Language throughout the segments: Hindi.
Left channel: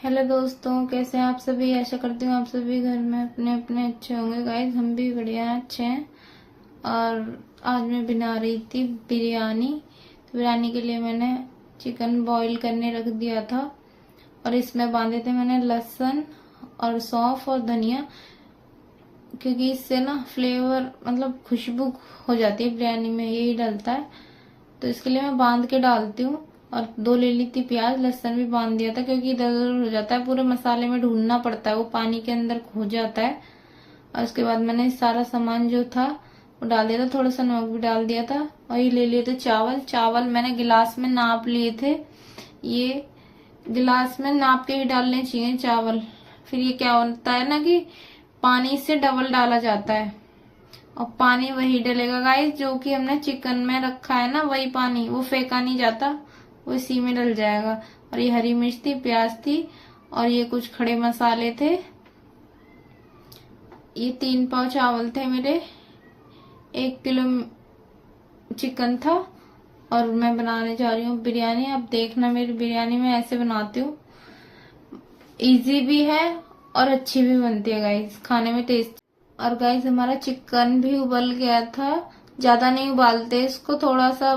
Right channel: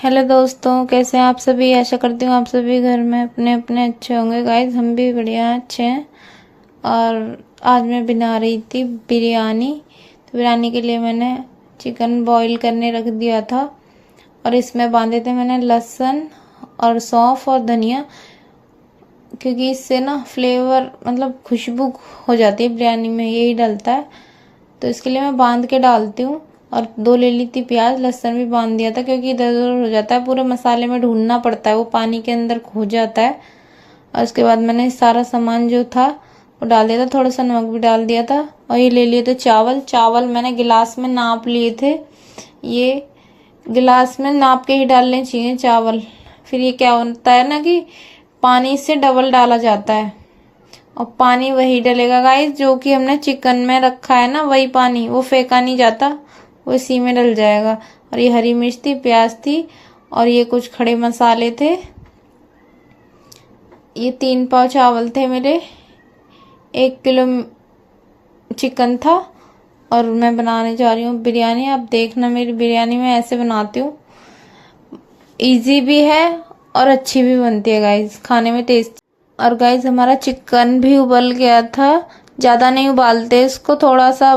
हेलो दोस्तों, कैसे हैं आप सभी। आशा करती हूँ आप सभी घर में अपने अपने अच्छे होंगे। गाइस हम भी बढ़िया अच्छे हैं। और आज मैं बना रही थी बिरयानी। तो बिरयानी के लिए मैंने चिकन बॉईल करने रख दिया था और इसमें बांधे थे मैंने लहसुन और सौंफ और धनिया, क्योंकि इससे ना फ्लेवर मतलब खुशबू हो जाती है बिरयानी में, यही डलता है। तो इसके लिए मैं बांध के डालती हूँ। और 2 ले ली थी प्याज, लहसुन भी बांध दिया था क्योंकि इधर उधर हो जाता है, पूरे मसाले में ढूंढना पड़ता है, वो पानी के अंदर खो जाता है। और उसके बाद मैंने सारा सामान जो था वो डाल दिया था, थोड़ा सा नमक भी डाल दिया था। और ये ले लिए थे चावल। चावल मैंने गिलास में नाप लिए थे। ये गिलास में नाप के ही डालने चाहिए चावल। फिर ये क्या होता है ना कि पानी से डबल डाला जाता है और पानी वही डलेगा गाइस जो कि हमने चिकन में रखा है ना, वही पानी, वो फेंका नहीं जाता, वो इसी में डल जाएगा। और ये हरी मिर्च थी, प्याज थी और ये कुछ खड़े मसाले थे। ये 3 पाव चावल थे मेरे, 1 किलो चिकन था। और मैं बनाने जा रही हूँ बिरयानी। आप देखना मेरी बिरयानी में ऐसे बनाती हूँ, इजी भी है और अच्छी भी बनती है गाइस, खाने में टेस्ट। और गाइस हमारा चिकन भी उबल गया था। ज़्यादा नहीं उबालते इसको, थोड़ा सा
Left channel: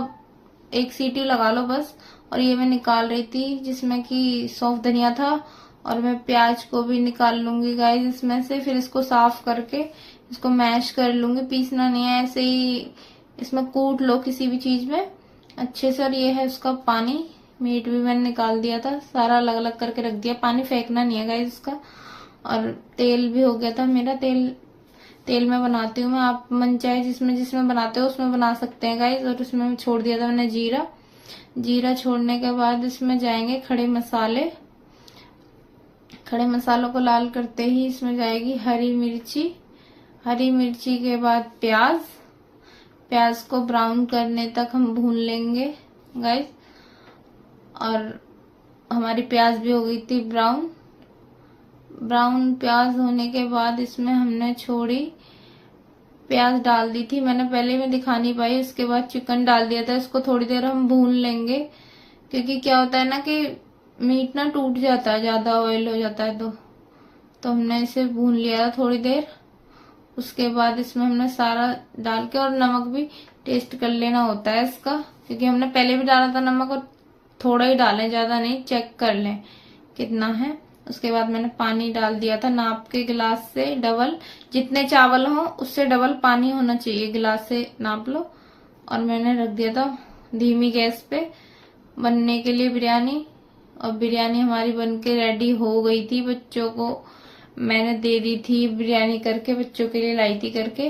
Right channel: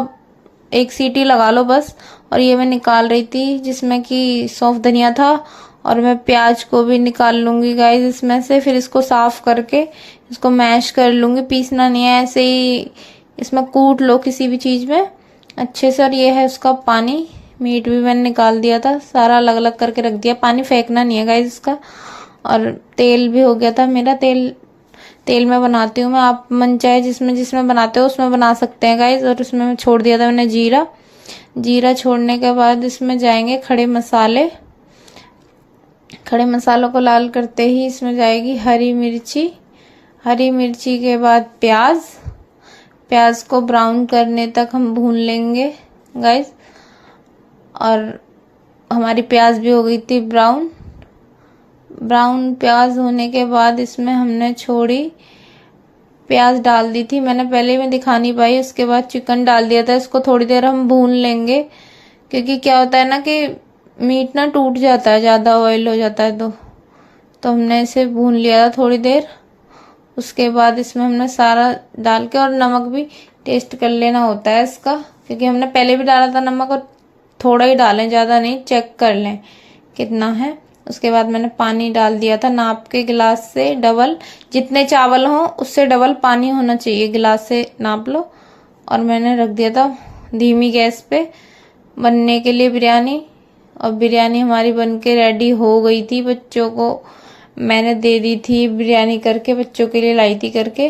1 सीटी लगा लो बस। और ये मैं निकाल रही थी जिसमें कि सौंफ धनिया था। और मैं प्याज को भी निकाल लूंगी गाइस इसमें से। फिर इसको साफ करके इसको मैश कर लूंगी, पीसना नहीं है, ऐसे ही इसमें कूट लो किसी भी चीज़ में अच्छे से। और ये है उसका पानी। मीट भी मैंने निकाल दिया था, सारा अलग अलग करके रख दिया, पानी फेंकना नहीं है गाइस इसका। और तेल भी हो गया था मेरा। तेल तेल में बनाती हूँ मैं, आप मन चाहे जिसमें जिसमें बनाते हो उसमें बना सकते हैं गाइस। और उसमें मैं छोड़ दिया था मैंने जीरा। जीरा छोड़ने के बाद इसमें जाएंगे खड़े मसाले। खड़े मसालों को लाल करते ही इसमें जाएगी हरी मिर्ची। हरी मिर्ची के बाद प्याज। प्याज को ब्राउन करने तक हम भून लेंगे गाइस। और हमारी प्याज भी हो गई थी ब्राउन। ब्राउन प्याज होने के बाद इसमें हमने छोड़ी, प्याज डाल दी थी मैंने, पहले मैं दिखा नहीं पाई, उसके बाद चिकन डाल दिया था। इसको थोड़ी देर हम भून लेंगे, क्योंकि क्या होता है ना कि मीट ना टूट जाता है, ज़्यादा ऑयल हो जाता है। तो हमने इसे भून लिया था थोड़ी देर। उसके बाद इसमें हमने सारा डाल के, और नमक भी टेस्ट कर लेना होता है इसका, क्योंकि हमने पहले भी डाला था नमक, और थोड़ा ही डालें, ज़्यादा नहीं, चेक कर लें कितना है। उसके बाद मैंने पानी डाल दिया था नाप के, गिलास से डबल, जितने चावल हो उससे डबल पानी होना चाहिए, गिलास से नाप लो। और मैंने रख दिया था धीमी गैस पे बनने के लिए बिरयानी। और बिरयानी हमारी बनके रेडी हो गई थी। बच्चों को मैंने दे दी थी बिरयानी करके, बच्चों के लिए लाई थी करके।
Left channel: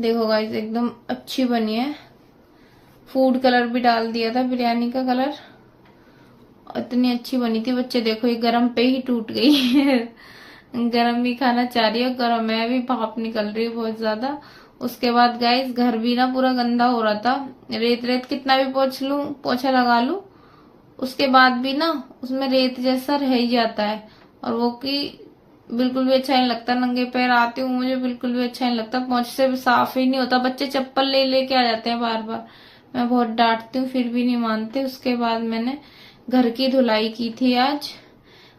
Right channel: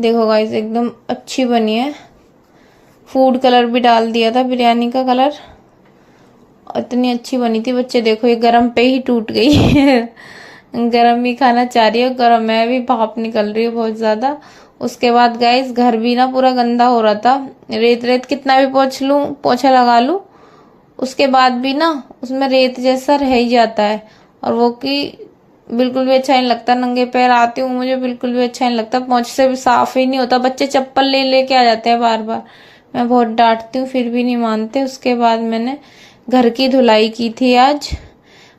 देखो गाइस एकदम अच्छी बनी है। फूड कलर भी डाल दिया था, बिरयानी का कलर, इतनी अच्छी बनी थी। बच्चे देखो ये गरम पे ही टूट गई गरम ही खाना चाह रही है, गरम है भी, भाप निकल रही है बहुत ज्यादा। उसके बाद गाइस घर भी ना पूरा गंदा हो रहा था, रेत रेत कितना भी पोंछ लूं, पोछा लगा लूं, उसके बाद भी ना उसमें रेत जैसा रह ही जाता है। और वो कि बिल्कुल भी अच्छा नहीं लगता, नंगे पैर आती हूँ मुझे बिल्कुल भी अच्छा नहीं लगता, पोंछ से भी साफ ही नहीं होता। बच्चे चप्पल ले लेके आ जाते हैं बार बार, मैं बहुत डांटती हूँ फिर भी नहीं मानते। उसके बाद मैंने घर की धुलाई की थी आज।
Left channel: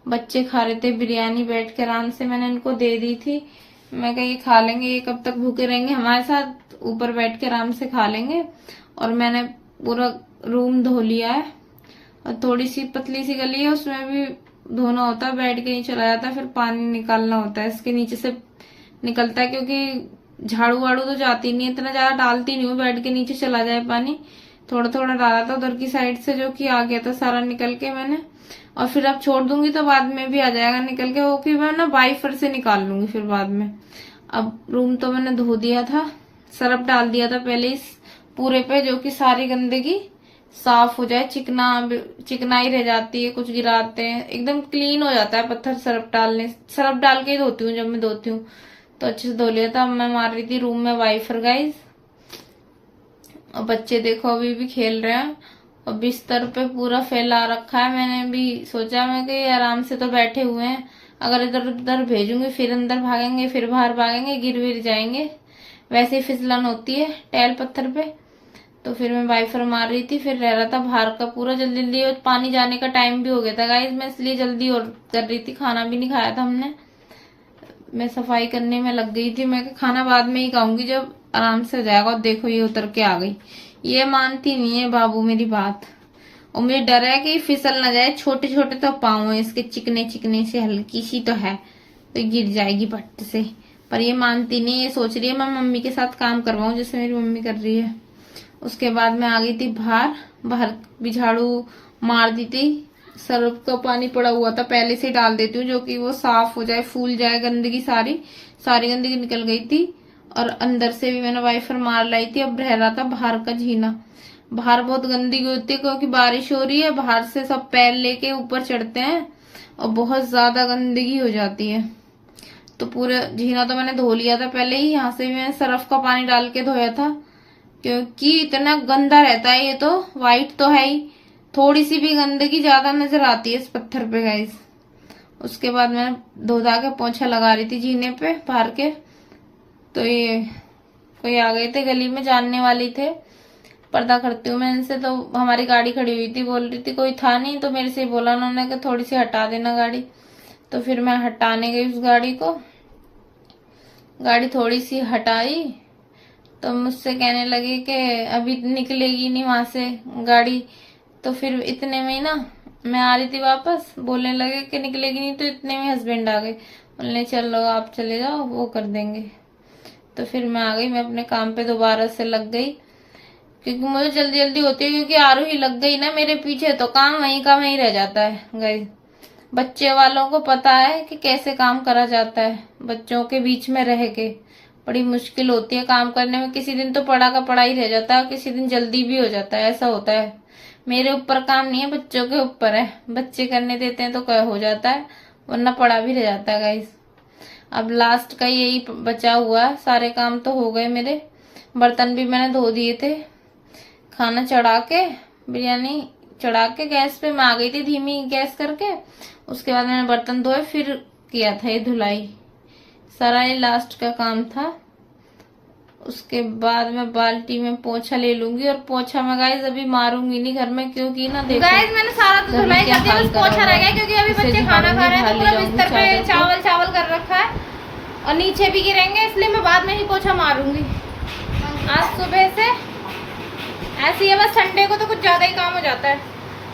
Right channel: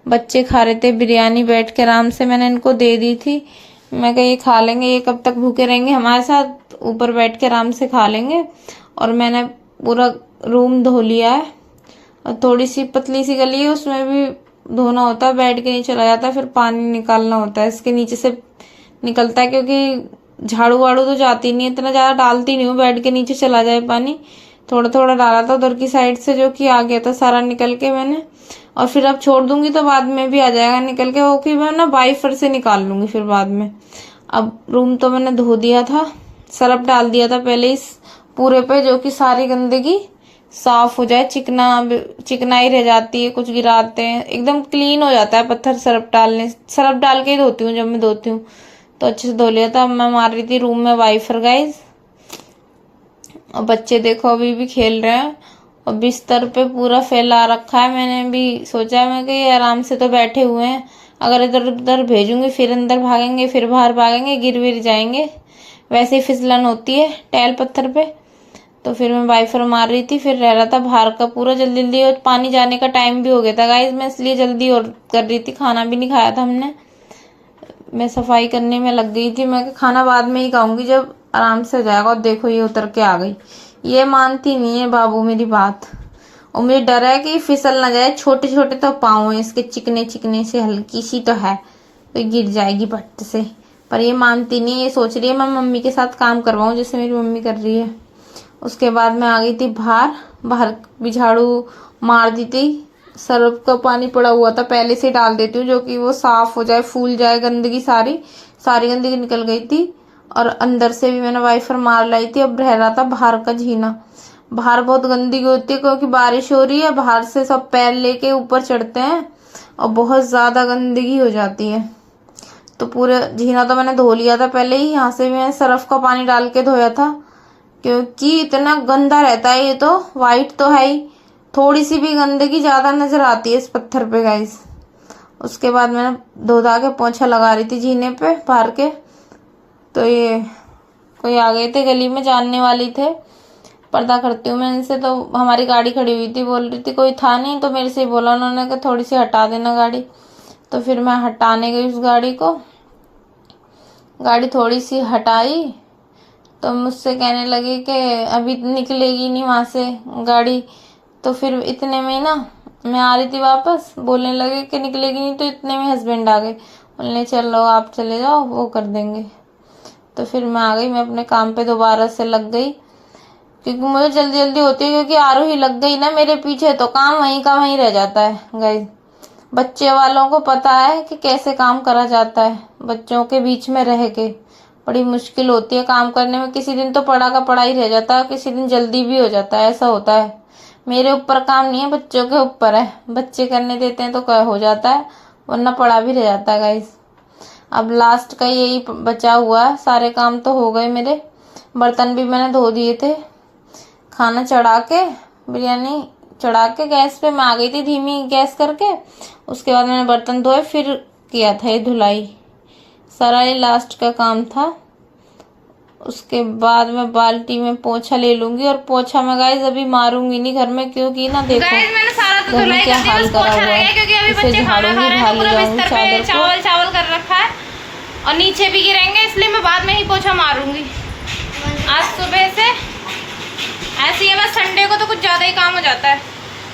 बच्चे खा रहे थे बिरयानी बैठ के आराम से, मैंने इनको दे दी थी। मैं कहा ये खा लेंगे, ये कब तक भूखे रहेंगे हमारे साथ, ऊपर बैठ के आराम से खा लेंगे। और मैंने पूरा रूम धो लिया है। और थोड़ी सी पतली सी गली है, उसमें भी धोना होता है, बेड के नीचे चला जाता है, फिर पानी निकालना होता है, इसके नीचे से निकलता है, क्योंकि झाड़ू वाड़ू तो जाती नहीं है, इतना ज्यादा डालती नहीं हूँ, बेड के नीचे चला जाए पानी। थोड़ा थोड़ा डाला था उधर की साइड से, जो कि आ गया था सारा निकल के मैंने। और फिर अब छोड़ दूंगी तो बाद में भी आ जाएगा निकल के, वो कि मैं ना वाइपर से निकाल लूंगी फिर बाद में। अब रूम तो मैंने धो दिया था, सरफ डाल दिया था पहले इस पूरे पे, जो कि सारी गंदगी साफ हो जाए, चिकनाई रह जाती है, कुछ गिराते हैं एकदम क्लीन हो जाता है पत्थर सरफ डालने। सरफ डाल के ही धोती हूँ जब मैं धोती हूँ, तो अच्छे से धो लिया था। मैं मार रही थी रूम में वाइफर गाइस। और बच्चे देखो अभी भी खेल रहे हैं, और बिस्तर पे पूरा फैला रखा है। मैंने भी सोचा मैं कि आराम से तो बैठे हुए हैं, अगर इधर उधर भेजूंगी फिर अंदर भागेंगे, फिर बाहर भागेंगे, गिर विर जाएंगे, वैसे ही फिसलन होती है टैल पत्थर पे। तो फिर मैं वाइपर मार रही थी, फिर रह रहा था बाहर का पूरा जल्दी जल्दी, और पानी जाने का टाइम भी हो गया था गाइस, मैं इसलिए जल्दी और कर रही थी। खाना भी नहीं खाया था हमने, मैं सफाई करने में लग गई थी। मैं खाना बाद में ही खाऊंगी जब आराम से हो जाएगा। और देखो ये उतर के आ गई, ये मानती नहीं है बाबू मेरी बात, और मुझे डर है कि फिसल ना जाए। छोटे छोटे तो पाँव है इसके, चिकने चिकने से, हल्की सी तो है, तो गिर जाएगी पट्ट से। पर ये मानती नहीं, ये सोच रही है मैं मम्मी के साथ काम करवाऊं जैसे मेरी मम्मी कर रही है। उसके बाद मैं आ गई थी बाहर, बाहर भी झाड़ू मार दी थी। सर्फ का पानी पड़ा हुआ था, पहले से डाल देती हूँ जो कि वो साफ हो जाए, फूल जाए, गंदगी सारी गंदगी निकल गई थी। और अंदर से भी मैंने वाइपर मार लाई थी। अब रह रहा था बाहर का झीना। बाहर बहुत गंदगी होती है क्योंकि बारिश हो रही है, बाहर से सब पैर लेके ऊपर चढ़ते हैं और बहुत ज्यादा गंदगी हो जाती है। तो पूरे झीना तो मैंने धो लिया था पहले ही, यहाँ से भी मैंने सर्फ का पानी डाल के धोया था क्योंकि इतना गंदा रहता है। ये तो वाइट तो है ही, थोड़ी सी भी गंदगी ज्यादा नजर आती है इस पत्थर पे गाइस। उसके बाद मैंने धो धा के पोंछा लगा रही थी जीने पे बाहर के। तो ये कोई आ गए थे गली में, जानने वाली थे, पर्दा करती हूँ मैं इनसे। तो हमारी गाड़ी खड़ी हुई थी, बोल रही थी कोई था नहीं, तो मेरे से ही बोला उन्होंने कि थोड़ी सी हटा देना गाड़ी। तो फिर मैं हटाने गई उस गाड़ी को, गाड़ी थोड़ी सी हटाई तो मुझसे कहने लगे कि अभी निकलेगी नहीं वहां से गाड़ी। तो फिर इतने में ही ना, मैं आ रही थी वापस, बोलने लगे कि निकलेगी नहीं, तो इतने में हस्बैंड आ गए, बोलने चलो आप चले जाओ वो कर देंगे। तो फिर मैं आ गई, मैं अपने काम पे दोबारा से लग गई क्योंकि मुझे जल्दी जल्दी होती है, क्योंकि आरोही लग गई ना मेरे पीछे तो काम वहीं का वहीं रह जाता है गाइस। बच्चे वालों को पता है कि कैसे काम करा जाता है, बच्चों के बीच में रह के बड़ी मुश्किल होती है काम करने में। किसी दिन तो पढ़ा का पढ़ा ही रह जाता है, किसी दिन जल्दी भी हो जाता है, ऐसा होता है। मेरे ऊपर काम नहीं है, बच्चों के ऊपर है, बच्चे करने देते हैं तो हो जाता है, वरना पढ़ा भी रह जाता है गाइस। अब लास्ट का यही बचा हुआ है, सारे काम तो हो गए मेरे, बर्तन भी मैंने धो दिए थे। खाना चढ़ा के, बिरयानी चढ़ा के गैस पे मैं आ गई थी धीमी गैस करके। उसके बाद मैंने बर्तन धोए, फिर किया था ये धुलाई, सारा ये लास्ट का काम था। उसके बाद मैं बाल्टी में पोछा ले लूंगी, और पोछा मैं गाइस अभी मारूंगी नहीं घर में, क्योंकि ना देखो गाइस मैंने सारा तो धुलाई कर दी, बस पोछा रह गया क्योंकि अभी बच्चे खाना खा रहे हैं, तो पूरा बिस्तर पे चावल चावल कर रखा है और नीचे भी गिरेंगे, इसलिए मैं बाद में ही पोछा मारूंगी। आज सुबह से ऐसी है, बस संडे को तो कुछ ज्यादा ही काम हो जाता है,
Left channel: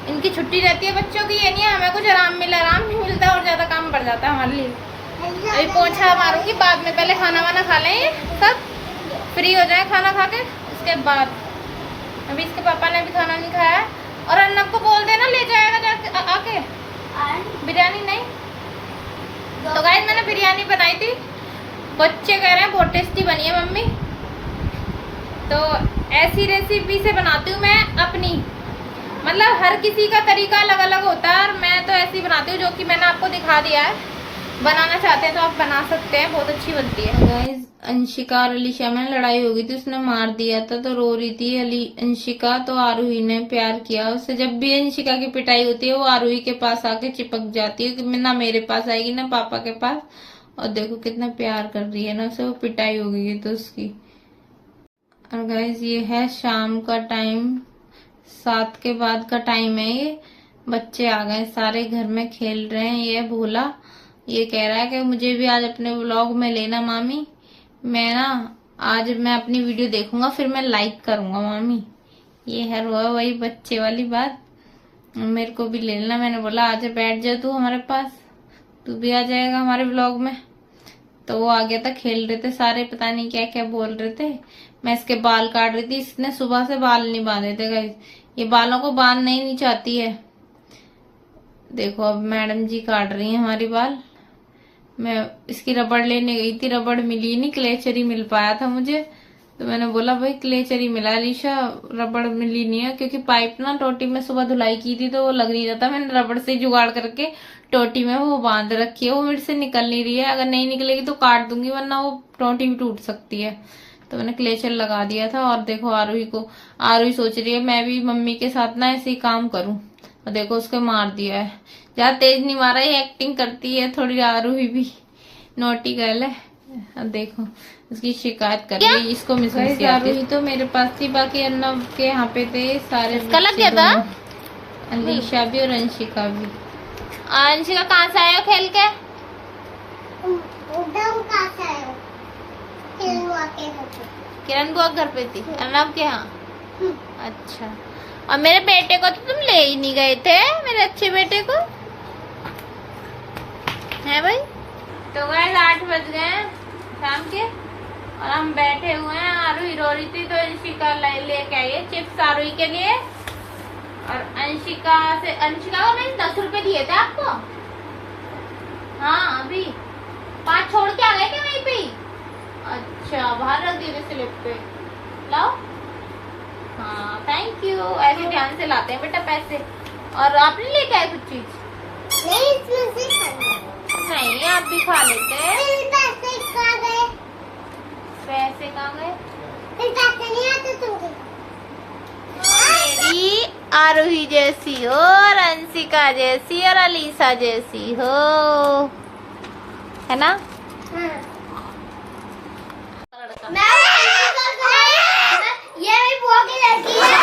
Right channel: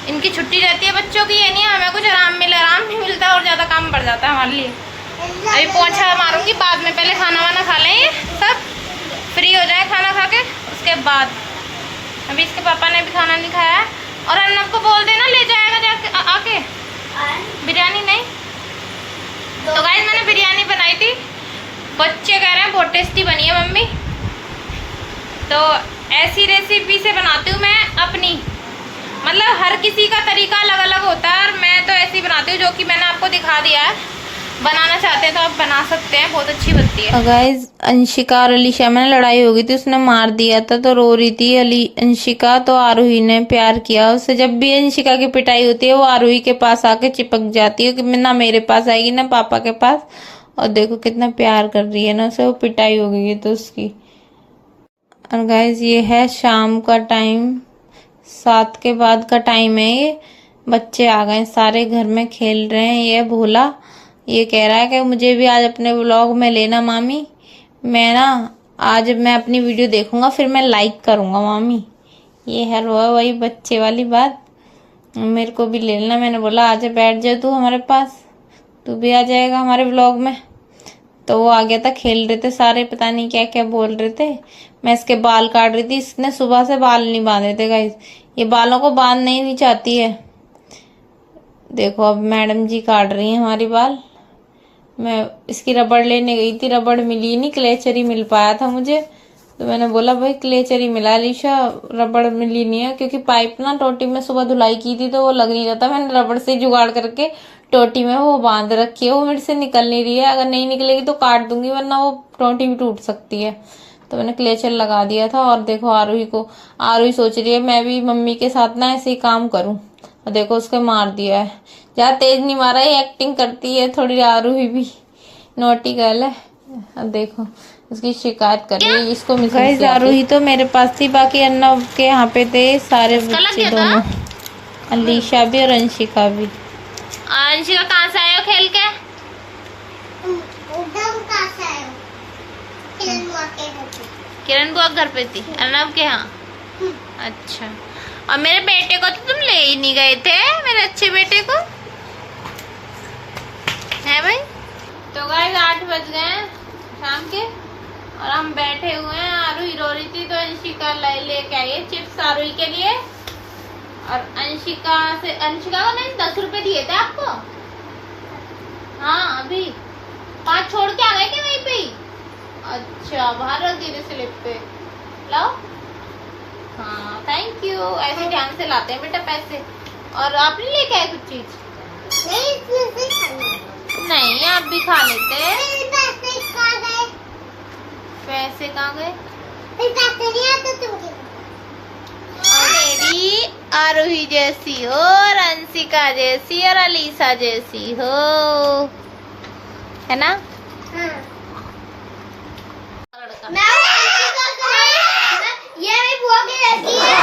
इनकी छुट्टी रहती है बच्चों की, ये नहीं है हमें कुछ आराम नहीं मिलता और ज्यादा काम बढ़ जाता है हमारे लिए। अभी पोछा मारूंगी बाद में, पहले खाना वाना खा लें ये सब, फ्री हो जाए खाना खा के, उसके बाद। अभी इसके पापा ने भी खाना नहीं खाया है, और अर्नब को बोल देना ले जाएगा जाके आके बिरयानी। नहीं तो गाइस मैंने बिरयानी बनाई थी, बच्चे कह रहे हैं बहुत टेस्टी बनी है मम्मी। तो ऐसी रेसिपी से बनाती हूँ मैं अपनी, मतलब हर किसी का तरीका अलग अलग होता है, और मैं तो ऐसी बनाती हूँ जो कि मैंने आपको दिखा दिया है। बनाना चाहते हैं तो आप बना सकते हैं, बहुत अच्छी बनती है। गाइस अंशिका और अलीशा में लड़ाई हो गई थी, उसने मार दिया था तो रो रही थी अंशिका, तो आरोही ने प्यार किया उससे। जब भी अंशिका की पिटाई होती है वो आरोही के पास आके चिपक जाती है कि ना मेरे पास आएगी ना पापा के पास, और देखो कितना प्यार कर रही है ना उसे, वो पिटाई हो गई है तो उसकी। और गाइस ये है शाम का टाइम, 7 के बाद का टाइम है ये, बच्चे आ गए सारे घर में खेल रहे हैं। ये भोला ये कह रहा है कि मुझे भी आज अपने व्लॉग में लेना मामी, मैं ना आज मैं अपनी वीडियो देखूंगा फिर मैं लाइक करूंगा मामी। ये है वही बच्चे वाली बात, मेरे को भी ले लेना। मैंने बोला आज बैठ जा तू हमारे पास, तू भी आ जाएगा हमारे व्लॉग में। तो वो आ गया था, खेल रहे थे सारे, पता नहीं क्या क्या बोल रहे थे। मैं इसके बाल काट रही थी, इसने सुबह से बाल नहीं बांधे थे गाइस, ये बालों को बांधना ही नहीं चाहती है। देखो अब मैडम जी काट रही हैं हमारी बाल। मैं इसकी रबड़ लेने गई थी, रबड़ मिली नहीं, क्लेचर ही मिल पाया था मुझे। तो मैंने बोला भाई क्लेचर ही मिला अलीशा, रबड़ मिली नहीं है, क्योंकि पाइप ना टोटी में सुबह धुलाई की थी तो वो लग नहीं रहा था। मैंने रबड़ से जुगाड़ करके टोटी में वो बांध रखी है, वो मेरे से निकल नहीं रही है, अगर नहीं निकलेगी तो काट दूंगी, वरना वो टोटी भी टूट सकती है। तो मैंने क्लेचर लगा दिया था। और देखो आरोही सोच रही है मैं भी मम्मी के साथ ना ऐसे ही काम करूं, और देखो उसको मार दिया है। ज्यादा तेज नहीं मारा, ये एक्टिंग करती है थोड़ी, आरोही भी नोटी गर्ल है। अब देखो इसकी शिकायत कर रही है, इसको मिस आरोही तो मेरे पास थी, बाकी अर्नव के यहाँ पे थे सारे इसका लग बच्चे गया था? दोनों, अलीशा भी और अंशिका भी। अंशिका कहाँ से आए हो खेल के? किरण बुआ घर पे थी, अर्नव के यहाँ। अच्छा, और मेरे बेटे को तो तुम ले ही नहीं गए थे, मेरे अच्छे बेटे को है भाई। तो गाइस 8 बज गए हैं शाम के और हम बैठे हुए हैं। आरूही रो रही थी तो अंशिका लेके आई है चिप्स आरूही के लिए। और अंशिका को मैंने 10 रुपए दिए थे आपको। हाँ अभी 5 छोड़ के आ गए क्या वहीं पे? अच्छा, बाहर रख दी स्लिप पे, लाओ। हाँ थैंक यू, ऐसे ध्यान से लाते हैं बेटा पैसे। और आपने लेके आए कुछ चीज? नहीं, आप भी खा लेते। पैसे कहाँ गए? मेरी आरोही जैसी हो और अंशिका जैसी और अलीसा जैसी हो, है ना? ये भी बुआ की लड़की है।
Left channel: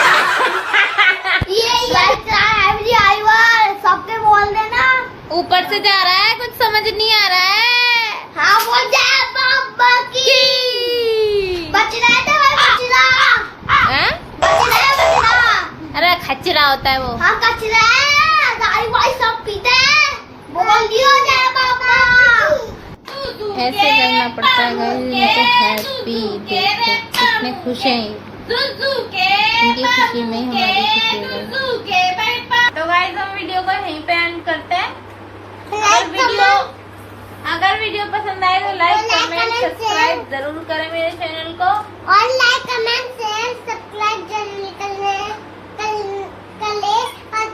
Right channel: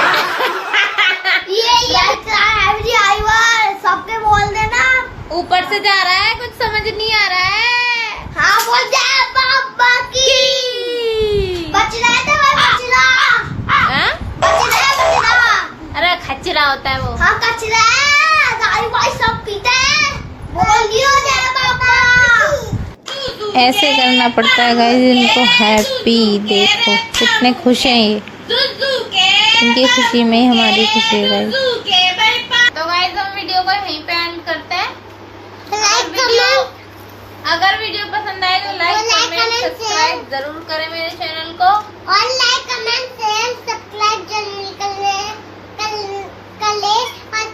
सबके बोल देना। ऊपर से जा रहा है, कुछ समझ नहीं आ रहा है। हाँ बोल जाए पापा की। बचना है तो बचना। हाँ? अरे खचरा होता है वो। हाँ कचरा है, दाई भाई सब पीते हैं। बोल दियो जाए पापा। ऐसे करना पड़ता है गाइस इनको हैप्पी। देखो कितने खुश हैं ये, इनकी खुशी में ही हमारी खुशी है गाइस। तो गाइस हम वीडियो को यहीं पे एंड करते हैं। अगर वीडियो पसंद आए तो लाइक कमेंट सब्सक्राइब जरूर करें मेरे चैनल को। और लाइक कमेंट शेयर सब्सक्राइब जरूर कर ले और